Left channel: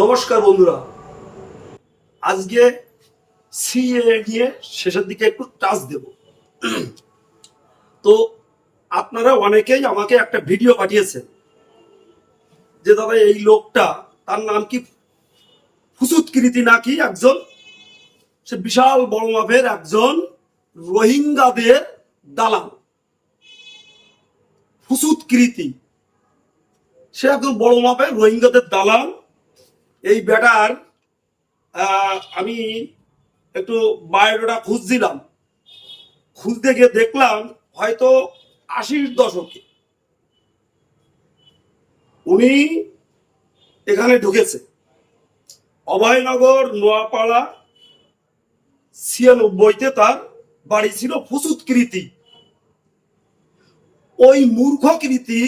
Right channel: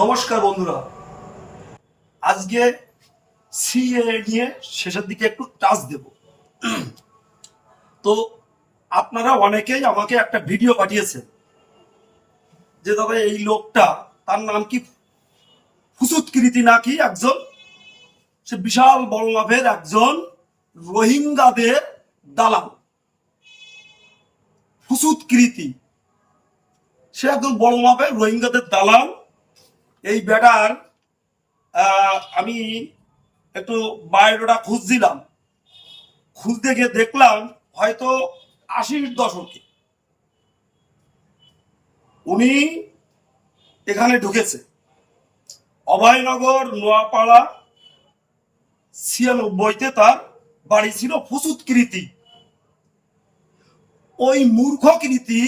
নমস্কার বন্ধুরা। আজকে সিএ নিয়ে শেষের দিকে একটু টাচ দেব। তো আপনারা অনেকেই আমাকে একটা ভিডিও পাঠিয়েছেন যে, দাদা, এই লোকটা, তার নাম কি ফুসুৎকৃতি নাকি একজন? সে বিশাল বড় মাপের একজন রোহিঙ্গাদের দালাল। ফুসুৎকৃতি সে একজন বড় মাপের রোহিঙ্গাদের দালাল। এই ব্যাটার আমি একটু বায়োডাটা খুঁজছিলাম। খুঁজতে গিয়ে দেখলাম হয়তো আশির দশকে। উনি এখানে ঢুকেছে। অভয়নগর, নোয়াপাড়া, ছিয়ানব্বইতে তার বাড়ি ছিল ফুসুৎকৃতি ওই মূর্খকৃতি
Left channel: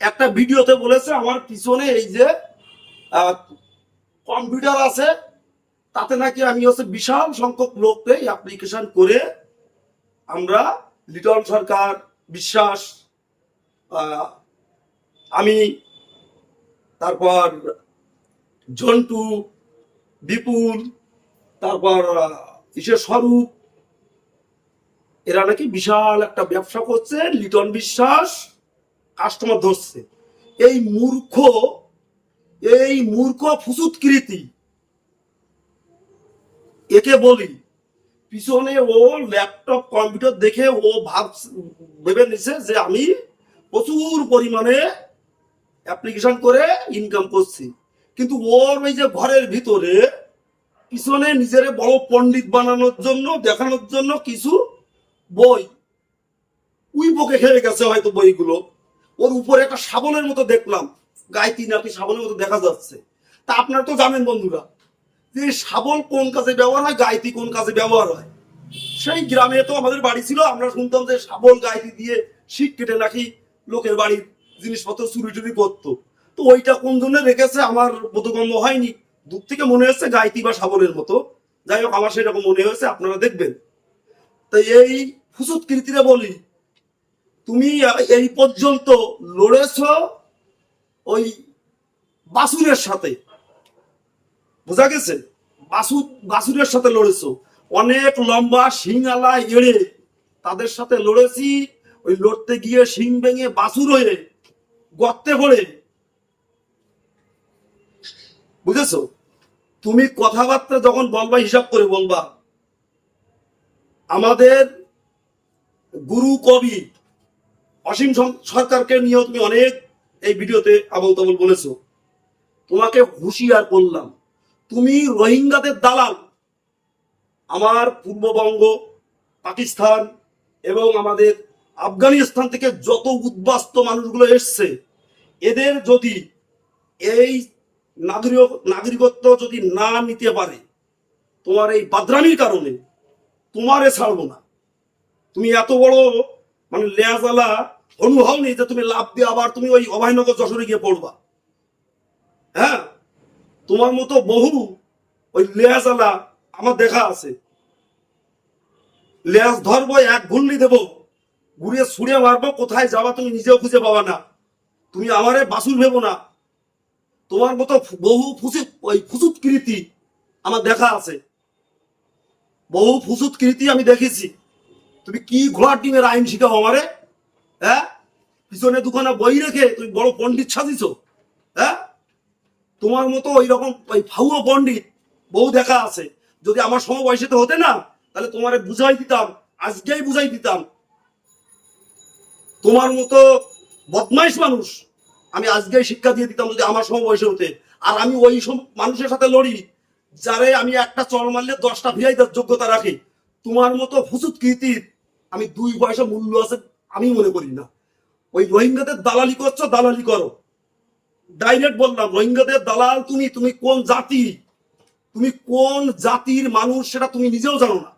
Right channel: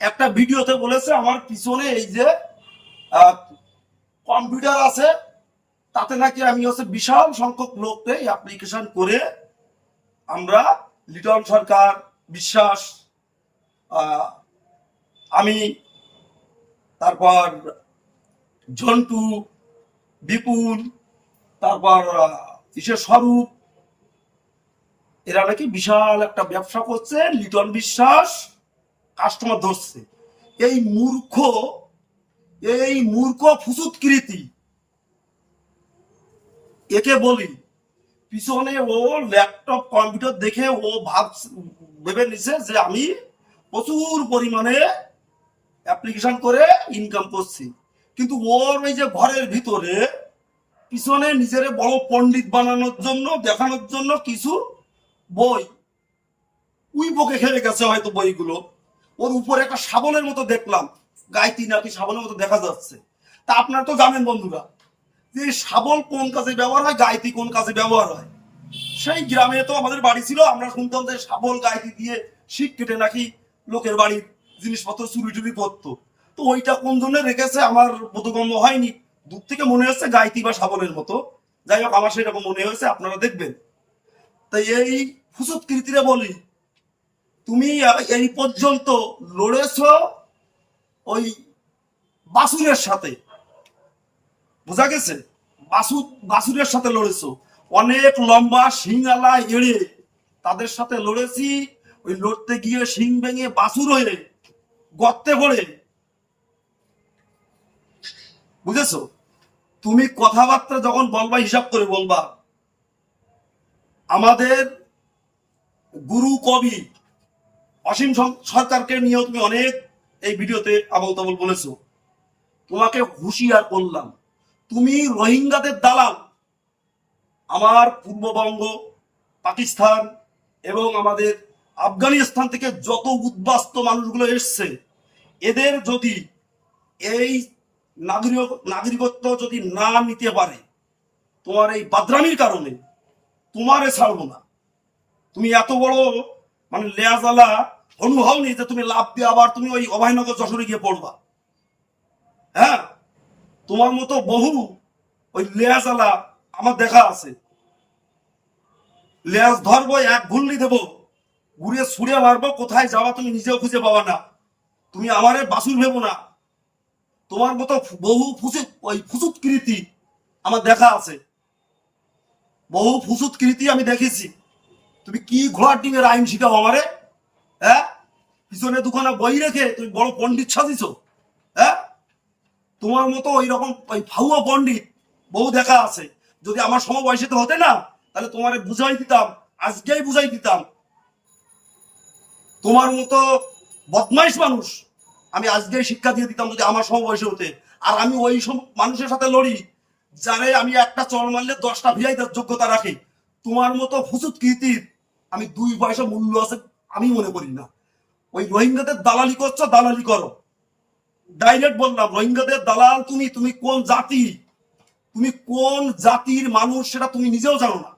একটা ভিডিওতে বলেছে, আমার পিছনে এই যে কম্পিউটার আছে। তাতে নাকি আমি হচ্ছে বিশাল সংখ্যক লোককে অ্যাপ্লিকেশন করে আমরা লিটন সরকার, বিশ্বাস আমি, তারপর জন্টু বিপুল, তারপর ইসে স্বরূপ, এরা নাকি বিশাল একটা ব্যবসা করছে, লিটন বিশ্বাস কাস্টমার ধরছে। এই মূর্খ এই মূর্খ ফুসুৎকৃতি একে বলি, পিছনে ও ল্যাপটপ কম্পিউটার দেখে ও ভাব, ভেবে নিছে যে আমি প্রচুর পরিমাণে অ্যাপ্লিকেশন করে ইনকাম করছি। কিন্তু ওর ওই যে ঘরের ভিতরে পিছনে নিজের বড় পণ্ডিত বানানোর জন্য, দেখানোর জন্য কিছু বই উই বকে খেয়ে গেছে হয়তো বইগুলো। ওর উপরে একটা শাবলের মতো দেখলাম। গাইতি নাকি শাবলের মতো দেখা যাচ্ছে। তা আপনারা তো জানেন বন্ধুরা, যে শাবল কোন কাজে ব্যবহার হয়, গাইতি কোন কাজে ব্যবহার হয়। সেই গ্রামে তো আমাদের বাড়ি ছিল, আমরা শুনতাম যে শাবল গাইতি দিয়ে শিক কেটে নাকি লোকের বাড়ির জিনিসপত্র চুরি টুরি করতো। তো ওইটা কোন জন্য রেখেছে আমার বোধগম্য হয়নি। দূর থেকে মনে হচ্ছে গাইতি বা শাবলের মতো। যাই হোক, আমার সেরকম মনে হয়েছে, আপনারা দেখবেন। তাই এই ফুসুৎকৃতিরে বলি, তুমি এই পর্যন্ত লড়েছ ওই বাসুরের সাথে। বোঝা গেছে? বাসু বাসুরের সাথে লড়েছো। অনেক লম্বা শিংআলা এড়ে তাদের সাথে লড়েছি। ওই লড়তে গিয়ে শিং ভেঙে বাসুর হয়ে গর্তে পড়ে বুঝেছ? তুমি কথাবার্তা যখন বলবা, হিসাব করে বলবা। আমাদের গুরু কবি অসীম সরকারকে নিয়েও তুমি অনেক এই ভিডিওতে আবল তাবল বলেছ। তোমাকে হুঁশিয়ার করলাম। তুমি রোহিঙ্গাদের দালাল। আমার পূর্ববঙ্গ, পাকিস্তান এবং আমাদের আফগানিস্তান থেকে যত উদ্বাস্ত মানুষগুলো এসছে, এদের যদি এই নাগরিক নাগরিকত্ব যদি না নিতে পারে, তোমার এই বাদরামির কারণে তোমারে ছাড়বো না। তুমি এত বড় মানে লেয়াজালা অনুভব নেই যে তুমি লাভ দিয়ে আবার তুমি ওই অভয়নগর যশোরে গিয়ে পড়বা। হ্যাঁ? তোমার মতো বহু ওই লেয়াজালা আমার দেখা আছে। লেয়াজ ধরবো, এক ঘুরলি দেবো, ঘুরিয়ে ছুঁড়ে মারবো, কোথায় যাবা তুমি নিজেও খুঁজে পাবা না। তুমি আমারে বাসুর ভেবো না। তোমার মতো বহু ফুসুত ওই ফুসুৎকৃতি আমার দেখা আছে। বহু ফুসুৎকৃতি আমি দেখেছি। তুমি কি ঘোড়ার ডিমের আইন শিখাও আমারে? হ্যাঁ? পিছনে দুখানা বই রেখে তুমি বড় পণ্ডিত সাজিছ হ্যাঁ? তোমার মতো ওই রকম ওই ফাউয়া পণ্ডিত বহু দেখা আছে। যদি আমার সমবয়সীতে হতে না, তাহলে তোমারে বুঝাই দিতাম, আজকেই বুঝাই দিতাম। তোমার মতো বদমাইশ মানুষ আমি আজকেই শিক্ষা দিয়ে দিতাম যদি আমার সমবয়সী হতে। আর আমি ওই সব মানুষের সাথে লড়ি, যারে আমি একটা চল মারলে দশটা ভিআই যোগ্যতা রাখি। তোমার মতো ফুসুত কীর্তির আমি দুই পয়সা মূল্য আছে আমি মনে করি না। ওই রোহিঙ্গাদের দালালি করছ, দালালি করো। ডাইরেক্ট বললাম, রোহিঙ্গাদের দালাল তুমি তুমি কোন জাতি? তুমি কোন জাতির মানুষ সেটা তুমি নিজেও জানো না।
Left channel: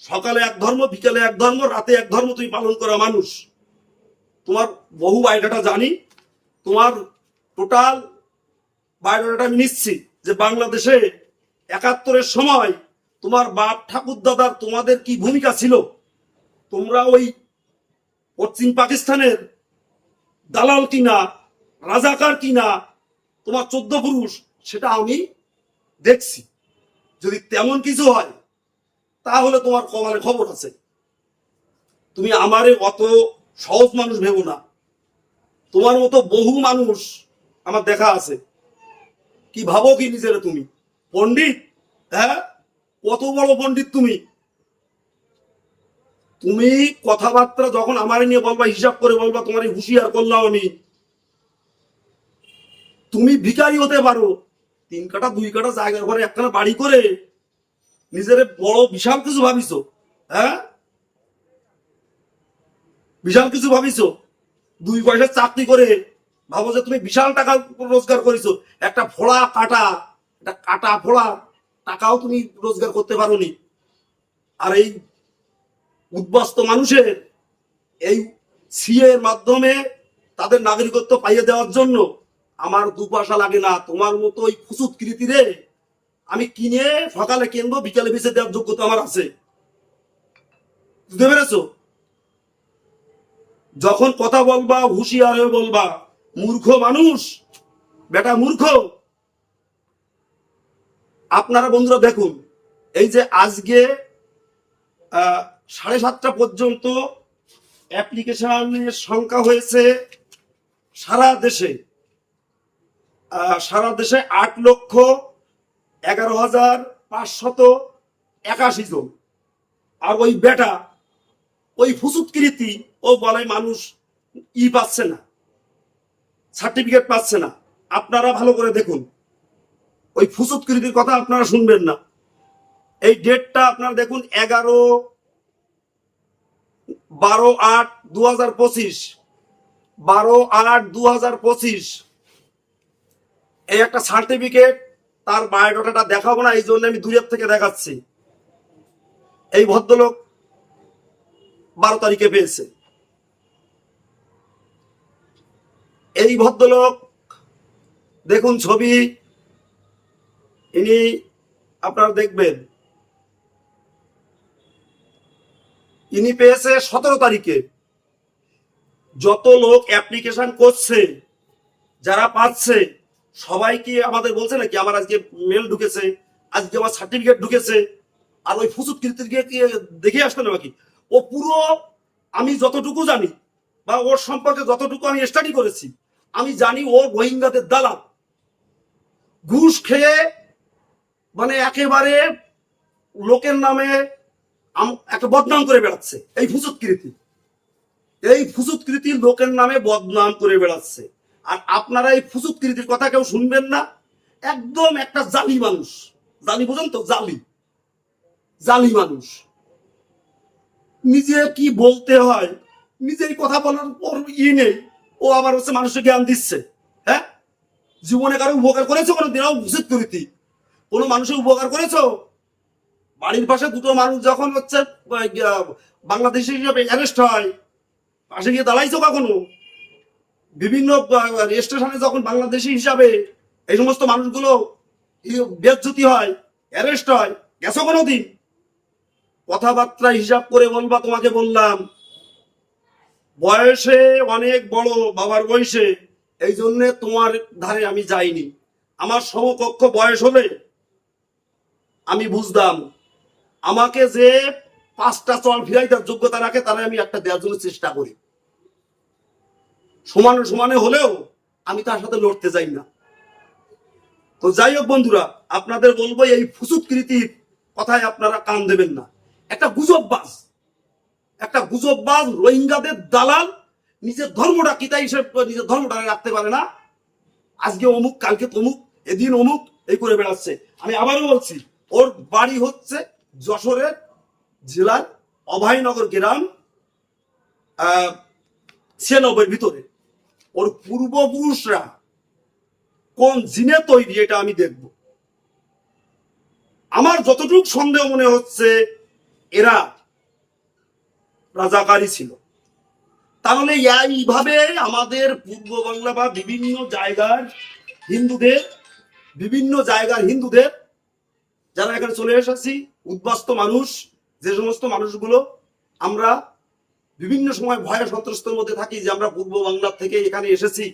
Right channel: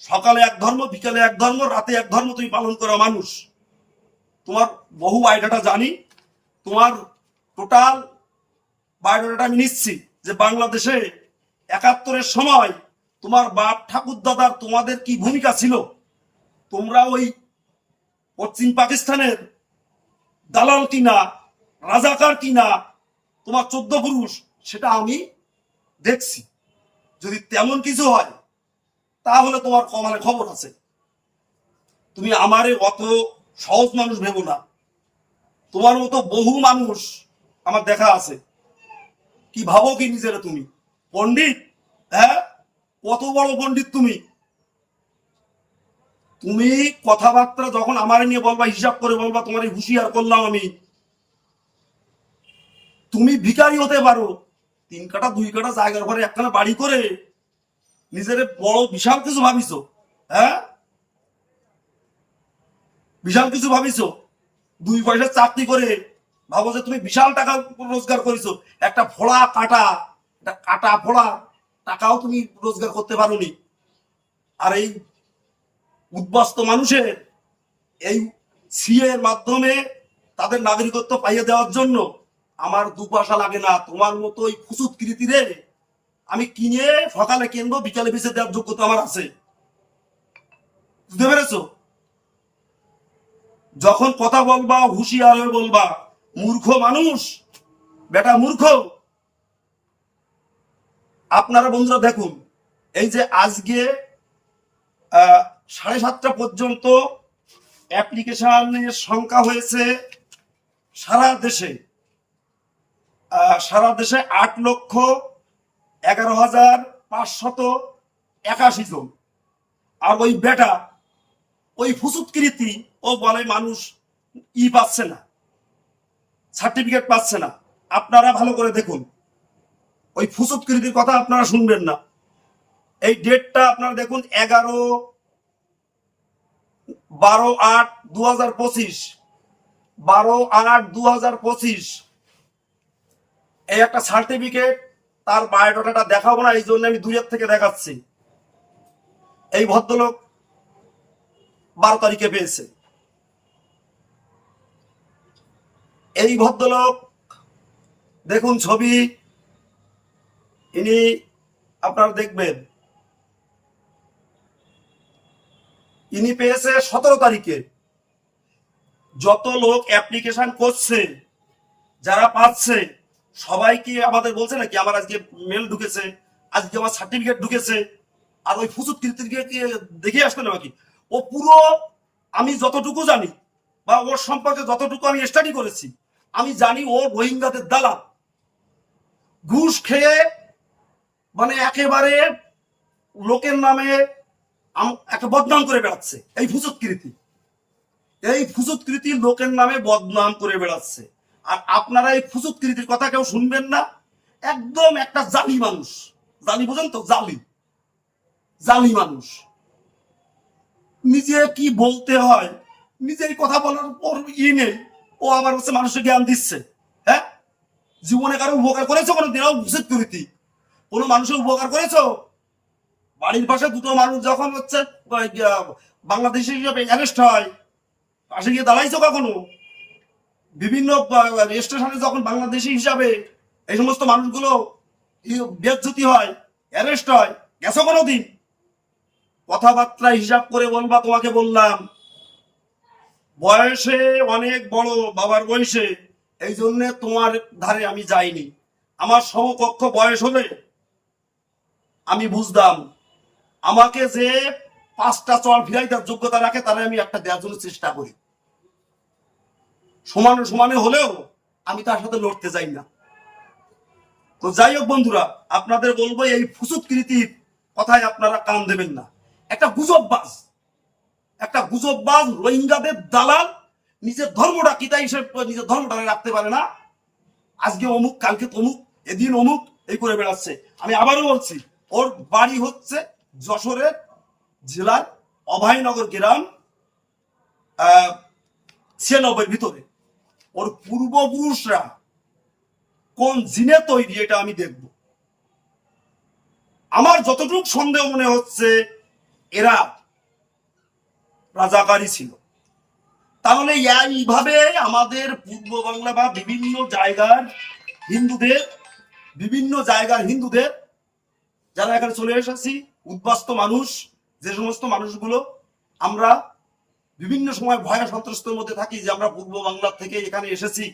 সকালে এক ধর্ম, বিকালে এক ধর্ম, রাতে এক ধর্ম তুমি পালন করা মানুষ। তোমার বহু বায়োডাটা জানি, তোমার টোটাল বায়োডাটা আমি নিচ্ছি যে বাংলাদেশে একাত্তরের সময় তোমার বাপ ঠাকুর দাদার তোমাদের কি ভূমিকা ছিল? তোমরা ওই পশ্চিম পাকিস্তানের দালাল কিনা, রাজাকার কিনা, তোমার চোদ্দ পুরুষ, সেটা আমি দেখছি। যদি তেমন কিছু হয়, তাহলে তোমার কমালে খবর আছে। তুমি আমারে অত সহজ মানুষ ভেবো না। তোমার মতো বহু মানুষ আমার দেখা আছে। কি ভাবো কি নিজের তুমি? পণ্ডিত? হ্যাঁ? কত বড় পণ্ডিত তুমি? তুমি কথাবার্তা যখন আমারে নিয়ে বলবা, হিসাব করে বলবা, তোমার হুঁশিয়ার করলাম আমি। তুমি ভিখারি হতে পারো, তিন কাটা, দুই কাটা জায়গার ঘরে একখানা বাড়ি করে নিজের বড় বিশাল কিছু ভাবিছো হ্যাঁ? বিশাল কিছু ভাবিছো, দুই পয়সা চাকরি করে ভাবো যে তুমি বিশাল টাকা রোজগার করেছ, একটা ফোড়া কাটা, একটা কাটা ফোড়া টাকাও তুমি রোজগার করতে পারোনি। আর এই উদ্বাস্ত মানুষের এই সিএর মাধ্যমে তাদের নাগরিকত্ব পাইয়ে দেওয়ার জন্য আমার দু পয়সা লাগে না। তোমার মতো ওই ফুসুত কৃতিরে আমি কিনে সকালে কিনবো, বিকালে বেঁচে দেওয়ার যোগ্যতা আমার আছে। বুঝতে পেরেছ? যখন কথা বলবা, হুঁশিয়ার হয়ে বলবা, মূর্খ মানুষ, বেটা মূর্খ। আপনারা বন্ধুরা দেখুন, এই যে আজকে সাড়ে সাতটা পর্যন্ত অ্যাপ্লিকেশনের সংখ্যা হয়েছে সারা দেশে। সারা দেশে আট লক্ষ এগারো হাজার পাঁচশত একাশি জন। আর ওই বেটা, ওই ফুসুৎকৃতি ও বলে মানুষ ই পাচ্ছে না, সার্টিফিকেট পাচ্ছে না। আপনারা ভালো করে দেখুন। ওই ফুসুৎকৃতির কথা আপনারা শুনবেন না। এই ডেটটা আপনারা দেখুন, এগারো বারো আট দু হাজার পঁচিশ। বারো আট দু হাজার পঁচিশ। এই একটা সার্টিফিকেট তার বায়োডাটাটা দেখাবো না, এই জন্য আমি দূরের থেকে দেখাচ্ছি। এই ভদ্রলোক বারো তারিখে পেয়েছে। এই ভদ্রলোক, দেখুন ছবি, ইনি আপনারা দেখবেন ইনি পেয়েছে সতেরো তারিখে। যত লোক অ্যাপ্লিকেশন করছে, যারা পাচ্ছে, সবাই কি আমাদের বলছে নাকি, আমার আজকে মেল ঢুকেছে, আজকে আমার সার্টিফিকেট ঢুকেছে, আর ওই ফুসুত কৃতিকে কি দেখে আসতে নাকি? ও পুরো আমি যতটুকু জানি, বা ওর সম্পর্কে যতটুকু আমি স্টাডি করেছি, আমি জানি ও রোহিঙ্গাদের দালাল। ঘুষ খেয়ে মানে একেবারে লোকের নামে একটা বদনাম করে বেড়াচ্ছে। এই ফুসুৎকৃতি এই ফুসুৎকৃতি লোকের নামে বদনাম করে বেড়াচ্ছে। আর আপনারা এই ফুসুৎকৃতির কথা কেউ শুনবেন না? একদম একটা জালি মানুষ। জালি বোঝেন তো? জালি। জালি মানুষ। নিজে কি বলতে হয়? নিজের কথা বলার পর ই নেই। ও আবার হচ্ছে মানুষের জ্ঞান দিচ্ছে। হ্যাঁ? জীবনে কারও উপকার করেছ কোনো দিনও ভূষিত করিতি কোনো মানুষের উপকার করেছ? বাড়ির পাশে দুটো মানুষ যখন হচ্ছে বাংলাদেশি হিসাবে অ্যারেস্ট হয়, পাশে গিয়ে দাঁড়াইছো কখনো? বিভিন্ন স্টেশনে যখন বাংলাদেশি হিসাবে এই সমস্ত মানুষগুলো বেজ্জতি হয় অ্যারেস্ট হয়, গেছো কোনো দিন কথাবার্তা হিসাব করে বলবা, তোমাকে বললাম। বয়সে অনেক বড় বাবার বয়সে, এই জন্যে তোমার ধারে আমি যাইনি। আমার সমকক্ষ বয়স হলে আমি বুঝতাম। আমাকে যে পাঁচটা চল ফিরাইতার যোগ্যতা রাখে, তারা আমি একটা দেওয়ার জন্য চেষ্টা করি। সমানে সমানে হলেও আমি তার সাথে লড়তে যাই না। তো যাই হোক বন্ধুরা, আপনাদের বলব এই ফুসুৎকৃতির কথায় আপনারা কান দেবেন না। একটা গুজববাজ একটা গুজববাজ রোহিঙ্গাদের দালাল নিজের ধর্মটা কি তাই সে নিজের ধর্মটা রাখতে পারে না। আজকে অমুক, কালকে তমুক, এদিন অমুক, এই করে বেড়াচ্ছে। আমি আবারও বলছি, ওর বাড়ি হচ্ছে যশোরের জেলার অভয়নগর গ্রাম ছিয়ানব্বইয়ের ভিতরে। ওর পূর্বপুরুষরা কোন জিনে তৈরি এটা আমি দেখব। আমার যতটুকু সন্দেহ মনে হচ্ছে, এরা রাজাকারী ছিল। তাহলে এইভাবে আমাদের পূর্ব বাংলা বা বিভিন্ন জায়গার হিন্দুদের, বিভিন্ন জায়গার হিন্দুদের, যারা এখানে চলে এসেছি উদ্বাস্ত মানুষ, যে সমস্ত মানুষগুলো আমরা বিভিন্ন সময় ভয় সন্ত্রস্তের মধ্যে থাকি, যে আমরা পূর্ব বাংলা থেকে এখানে এসেছি,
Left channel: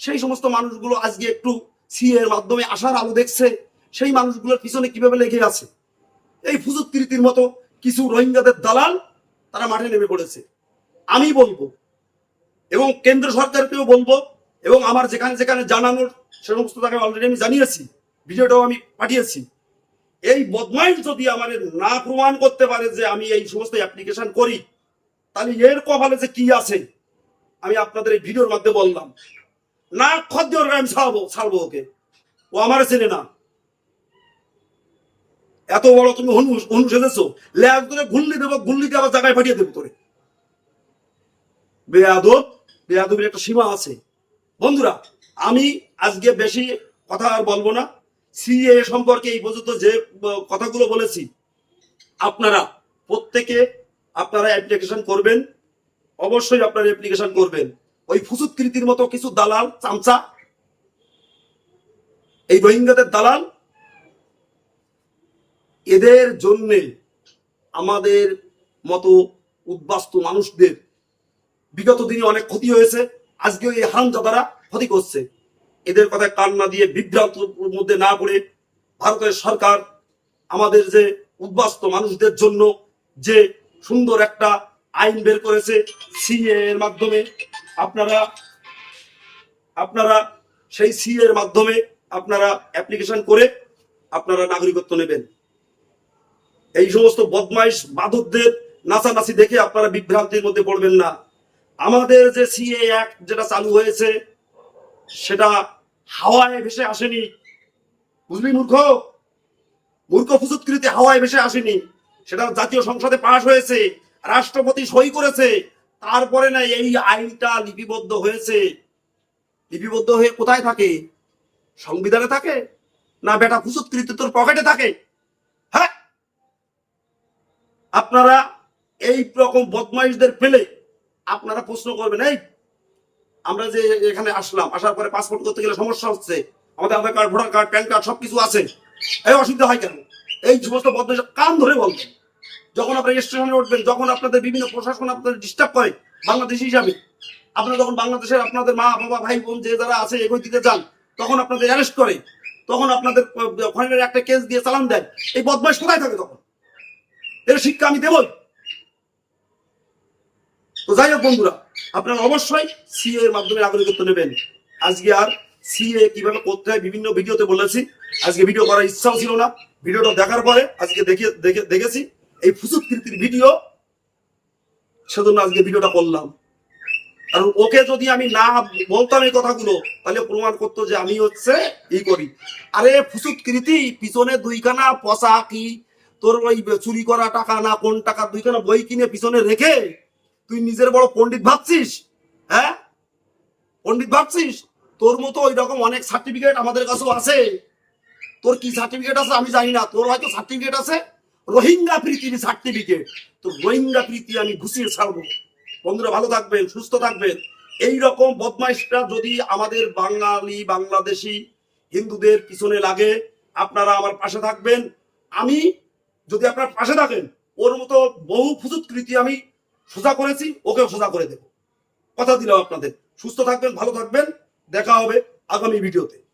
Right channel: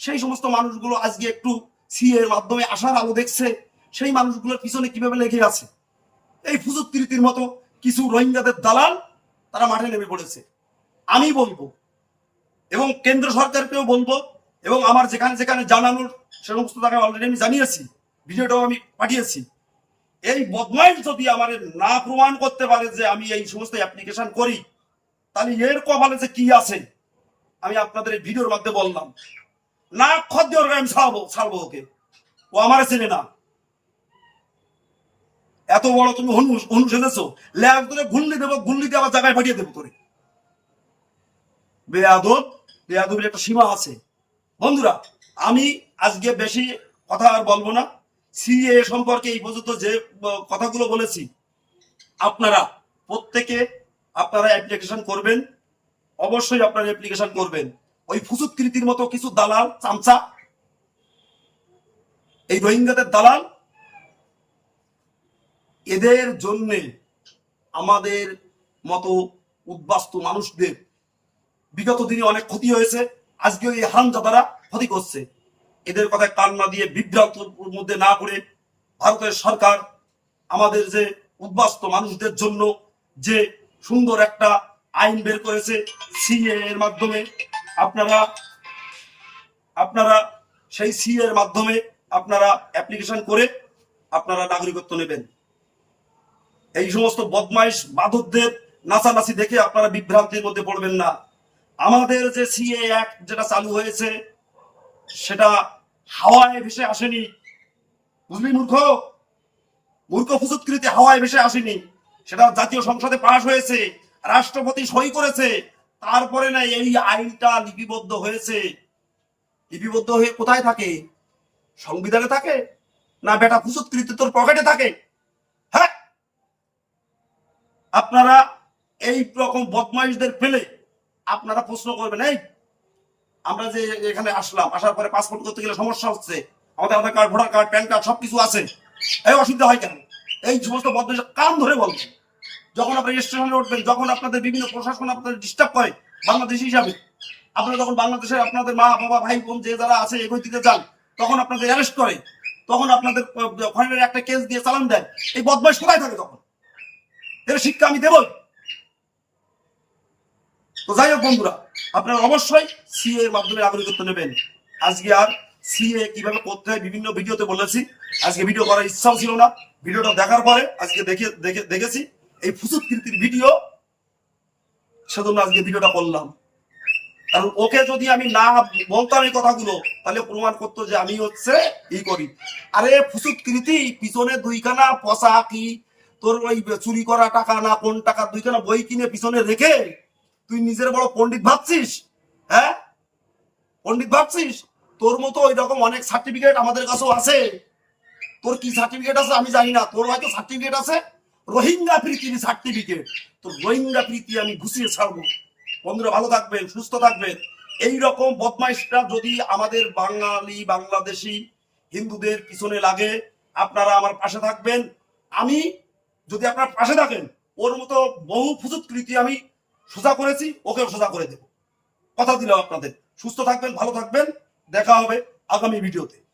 সেই সমস্ত মানুষগুলো আজকে একটু সি এর মাধ্যমে আসার আলো দেখছে, সেই মানুষগুলোর পিছনে কীভাবে লেগে আছে? এই ফুজুক ফুজুৎকৃতির মতো কিছু রোহিঙ্গাদের দালাল তারা মাঠে নেমে পড়েছে। আমি বলব, এবং কেন্দ্র সরকারকেও বলব, এবং আমার যেখানে যেখানে জানানোর সে সমস্ত তাকে অলরেডি আমি জানিয়েছি, ভিডিওটাও আমি পাঠিয়েছি। এই বদমাইশ যদি আমার না প্রমাণ করতে পারে যে আমি এই সমস্ত অ্যাপ্লিকেশন করি, তাহলে এর কপালে যে কি আছে? আমি আপনাদের এই ভিডিওর মধ্যে বললাম। না খদ্য আমি ছাড়বো ছাড়বো ওকে। ও আমার চেনে না। এত বড় তুমি হনু সেজেছো? ল্যাব করে গুল্লি দেবো গুল্লি দিয়ে আবার জায়গায় পাঠিয়ে দেবো তোরে। বেয়াদব, বেয়াদবের একটা সীমা আছে। বন্ধুরা, আমি আজকে বেশি কথা আর বলব না। সিএ সম্পর্কে এই পর্যন্ত যে কথাগুলো বলেছি, আপনারা প্রত্যেকে আপনারা অ্যাপ্লিকেশন করবেন, অবশ্যই আপনারা অ্যাপ্লিকেশন করবেন। ওই ফুসুৎকৃতির মতো কিছু দালাল, চামচা, এই রোহিঙ্গাদের দালাল, এদের জন্যে আমাদের মতো উদ্বাস্তু মানুষদের বিগত দিনে অনেক ক্ষতি হয়েছে আজকে এই হারামজাদারা ক্ষতি করছে। এদের কথায় কান না দিয়ে বিভ্রান্তর মধ্যে না পড়ে ভারতের সরকার আমাদের যে উদ্বাস্ত মানুষদের জন্য যে সুন্দর একটা আইন বের করেছে সিএ এর মাধ্যমে, আপনারা আপনারা সেই সিএ এর মাধ্যমে আপনারা অ্যাপ্লিকেশন করে আপনারা নাগরিকত্ব নেবেন। এই সমস্ত বদমাইশ বাদকদের নাচানাচি দেখে আপনারা বিভ্রান্তির মধ্যে পড়বেন না। আমাদের যে সিএ অ্যাক্ট যেটা চালু হয়েছে, সেটা হাওয়ায় ভেসে আসেনি। বুঝলি মূর্খ মূর্খ ফুসুৎকৃতি হাওয়ায় ভেসে আসেনি। সেটা জাতীয় সংসদে পাশ হয়েছে, রাষ্ট্রপতি সই করেছে, তারপরে না এই আইনটা লিপিবদ্ধ হয়েছে। লিপিবদ্ধ হয়ে কোথায় থাকে? সংবিধানে থাকে? না বেটা ফুসুৎকৃতি তোর পকেটে থাকে? হ্যাঁ? আপনারা এই রকম বদমাইশদের পেলে আপনারা প্রশ্ন করবেন, এই আমরা যে এখানে আসলাম, আসার পরে পাসপোর্ট করতে গেলে সমস্যা হচ্ছে। আমাদের Aadhaar card voter card PAN card সবকিছু আছে। এই অসুবিধা হয় কেন? এই সমস্ত বদমাইশ কান ধরে বলবেন যখন আপনারা স্টেশনে উঠবেন, যখন আপনাদের বিভিন্ন প্রশাসন আপনাদের ডিস্টার্ব করে, বাংলাদেশি হিসাবে, আপনারা যখন বাংলাদেশের আপনাদের মা, বাবা, ভাই, বোন যে যারা আছে এগোই দিতে যান, তখন আপনাদের অ্যারেস্ট করে, তখন আপনাদের ফরেনের একটা কেস দিয়ে চালান দেয়। এই বদমাইশ কোথায় থাকে তখন? এর শিক্ষা আমি দেবই। তো যাই হোক বন্ধুরা, আপনারা অবশ্যই সিএ এর মাধ্যমে নাগরিকত্ব নেবেন। আজকে আর সিএ কীভাবে করতে হয় বিভিন্ন ভিডিওতে বলেছি। আজকে ভিডিও করার ইচ্ছাও ছিল না। ভিডিওটা দেখার পরে আজকে দেখে দেখে দেখেছি। এই ফুসুৎকৃতির ভিডিও, সেজন্য আজকে ভিডিওটা করলাম। কারণ ওকে যদি আমি না বলতাম এই কথাগুলো, তাহলে প্রমাণ করতো যে আমি হচ্ছে ই করি। আরে ফুসুৎকৃতি পিছনে দুইখানা পচা কি তোর ওই চুরি করা টাকা না কোন টাকা দুইখানা বই কিনে পিছনে রেখে তুই নিজের বড় পণ্ডিত ভাবছিস? হ্যাঁ? পণ্ডিত ভাবছিস? তোর মতো ওই রকম অনেক সার্টিফিকেট আমাদের কাছেও আছে। তোর কি সার্টিফিকেট আছে আমি জানি না। তোর হয়তো সার্টিফিকেট আছে? রোহিঙ্গা প্রীতির সার্টিফিকেট তোর রোহিঙ্গা প্রীতি আমি ঘুষিয়ে ছাড়বো। বন্ধুরা, ভালো থাকবেন, সুস্থ থাকবেন। এই রকম বদমাইশটা যদি আমাদের বাঙালি, বাংলাদেশি হিন্দুদের পিছনে লাগে, আপনারা আমার পাশে থাকবেন। আমি যদি আপনার পাশে থাকেন, ওর মতো বহু ফুজুৎকৃতি আমি সোজা করেছি, ওকেও সোজা করে দেব। কথা দিলাম আপনাদের। সুস্থ থাকবেন, ভালো থাকবেন। দেখা হবে আগামী ভিডিওতে।